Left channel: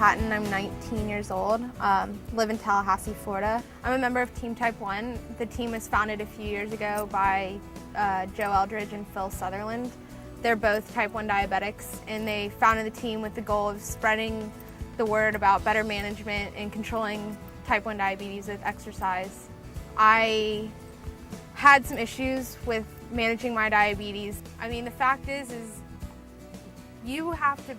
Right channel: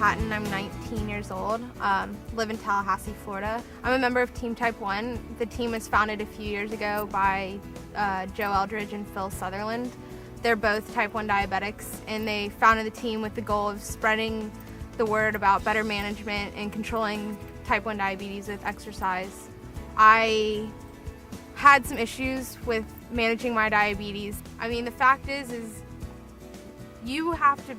Patton. I'm 19 years old, live in Tallahassee, Florida. I'm a member of Team Type 1. The team was founded a few years ago by Joe Eldridge and Phil Sutherland. They're both Type 1 diabetics, and they founded the team with the goal of spreading the word about better management and controlling Type 1 diabetes with exercise. I had some issues with managing my diabetes. I mean, the fact is you have to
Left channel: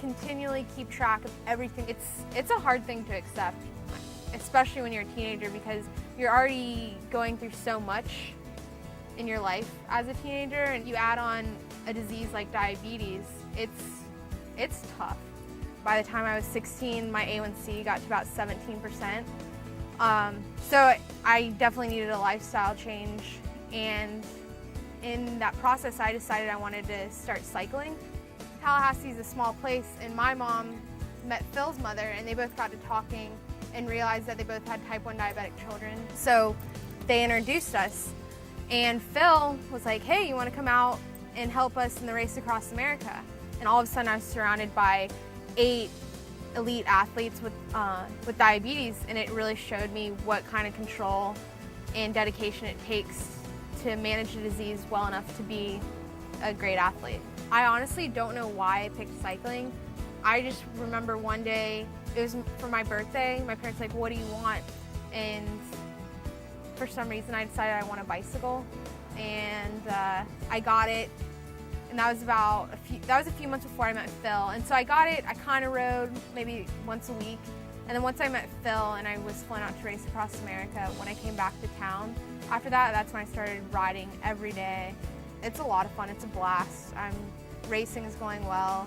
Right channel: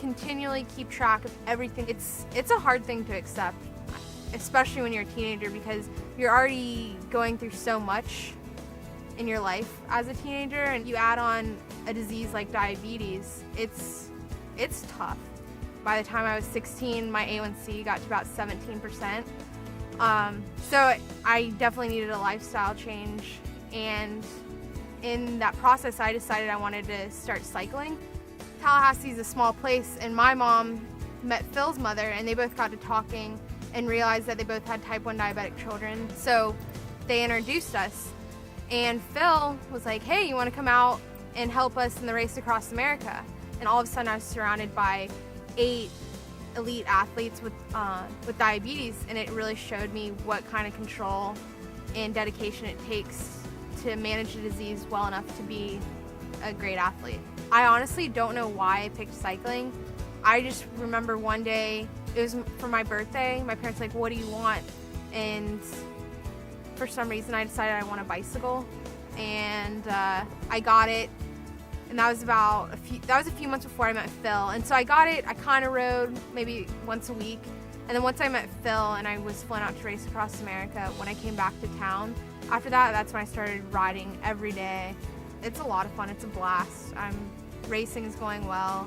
continually keep track of everything. It's a hard thing to accept, especially when you're a teenager, because you're already going through so much in your life as a teenager, and you add on a disease like diabetes, it's tough. By the time I was 16, my A1C got to about 17%. So I definitely needed a lifestyle change, and in that process I decided I wanted to start cycling. Tallahassee's a small place, and my mom met Phil's mother, and they both got to talking and realized that they both had Type 1 diabetic children. So they introduced us, and Phil was like, hey, you want to come out and help us in the race across America? And all of a sudden I was surrounded by 8 elite athletes with diabetes, and it really showed me what kind of control and dedication it takes to manage the disease well enough to be a great athlete. I honestly don't know why I picked cycling. I just remember one day, it was for my birthday, my parents were like, what do you want? And for some reason I decided I want a bicycle, and I got it, and that was a few months before I met Phil. And so I got it, I kind of rode maybe once a week, and then once I met Phil and I was flown out to race across America, when I came back to town, after that, that's when I started riding every day. It's a lot of fun, it's a blast. Racing is going well.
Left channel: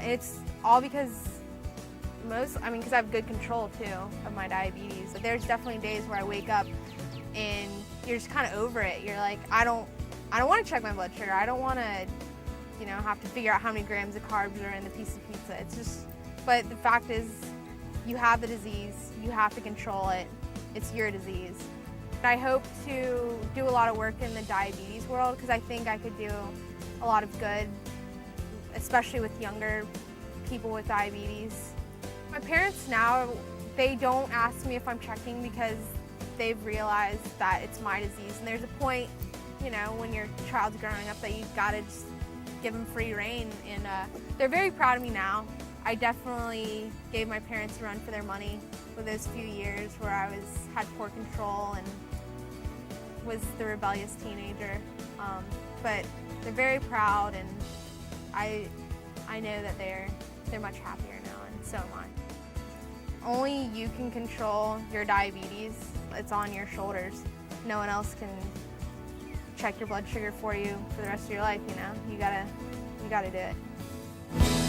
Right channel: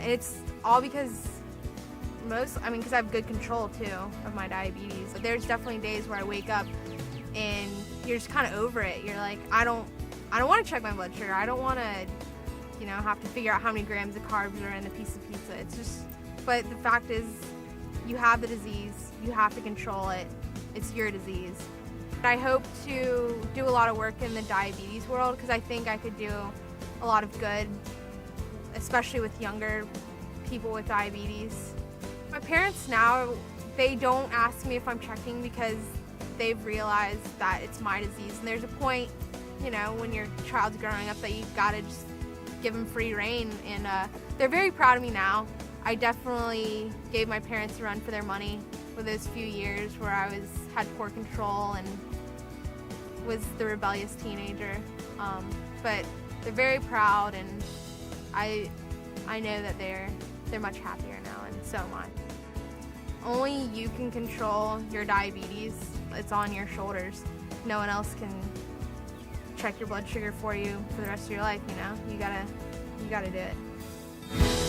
It's all because because I have good control too of my diabetes. So there's definitely days where I wake up and you're just kind of over it. You're like, I don't want to check my blood sugar. I don't want to, have to figure out how many grams of carbs are in the piece of pizza. It's just, but the fact is, you have the disease, you have to control it. It's your disease. I hope to do a lot of work in the diabetes world, because I think I could do a lot of good, especially with younger people with diabetes. My parents now, they don't ask me if I'm checking because they've realized that it's my disease, and there's a point, when your child's growing up, that you've got to just give them free reign, and they're very proud of me now. I definitely gave my parents a run for their money for those few years where I had poor control and was the rebellious teenager, but they're very proud, and I know that they're much happier now, and so am I. Only you can control your diabetes. It's on your shoulders. No one else can check your blood sugar for you for the rest of your life. You gotta do it.